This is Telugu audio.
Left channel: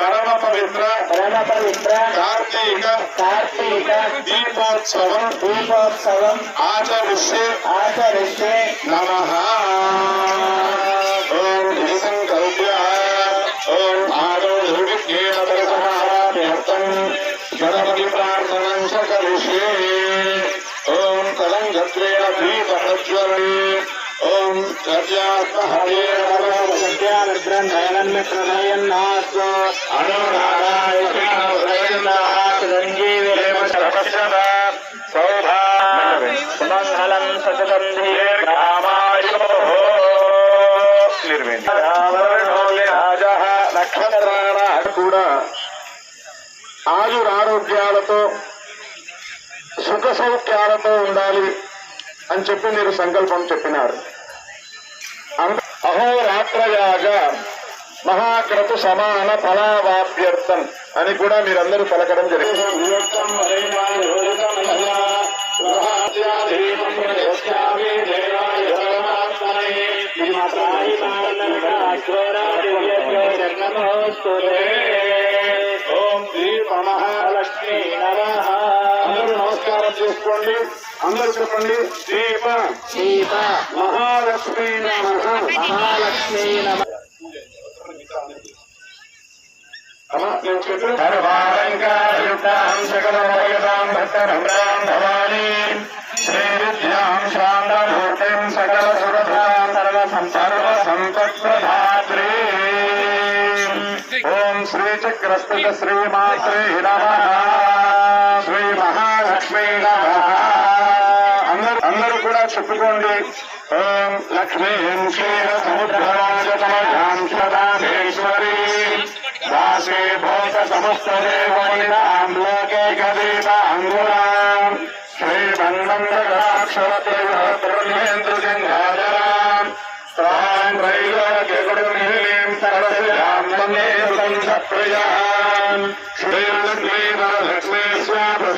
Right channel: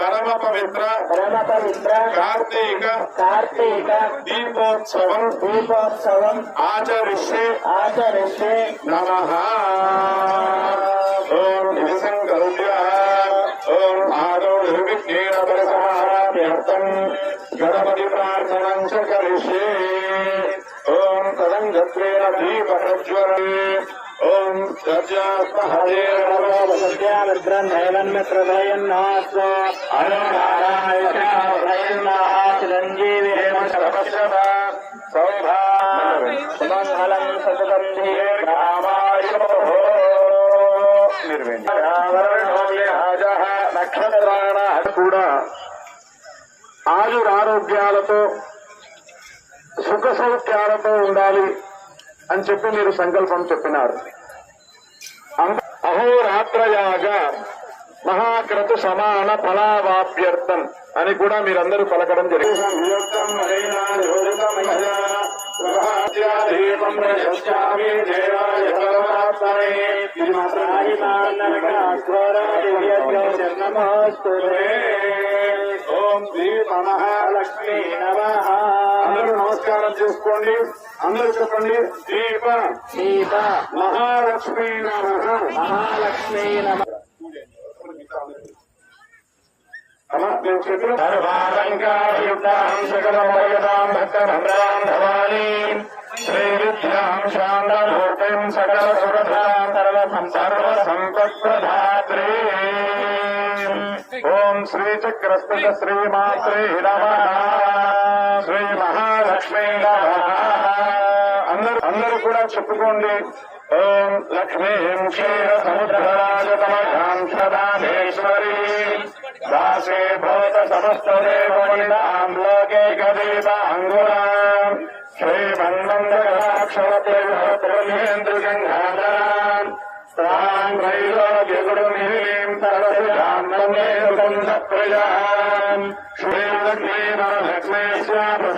పరమ పవిత్ర కార్తీక దీపోత్సవం ఆచరిస్తే నమః. ఓం సంకల్ప్య ఓం ఆదౌ నిర్విఘ్నేన గణపతి ప్రార్థనం కరిష్యే. ఓం తదంగత్వేన దీపప్రజ్వలే. ఓం సుమంగళం సతతం కూడా ఆయురారోగ్యాలతో సుఖ సౌఖ్యాలతో ఉండాలి అని చెప్పి మీరు సంకల్పం చెప్పినారు. అహోరాత్రయాగ మహాక్రతు సమాన ఫలావాప్యర్థం అని కూడా మీరందరూ పలకడం జరిగింది. ఓం దీప మహాలక్ష్మీ నమః. అందరూ నమస్కారం చేసుకోండి. అందరూ చెప్పండి దీప మహాలక్ష్మీ నమః. మహాలక్ష్మీ నమః. నేను చెప్పిన సకల సంపత్ప్రధాత్రే. ఓం శ్రీచక్రస్థిత శ్రీమాత్రే నమః. శ్రీ మహాలక్ష్మీ నమః. అందరూ కూడా చెప్పుకోండి. ఓం లక్ష్మీం క్షీర సముద్రరాజతమేశ్వరీ దాసే భూత సమస్త దేవైనాం లోకే గదీవాంగురాం శ్రీమందంద్రక్షరత్రేంద్రగంగాధరాం తాం రైలోక్యగురుమిహిం సర్వశ్యాం తమే సుగంధప్రియాం శ్రీలక్ష్మీ వరలక్ష్మీ స్వామి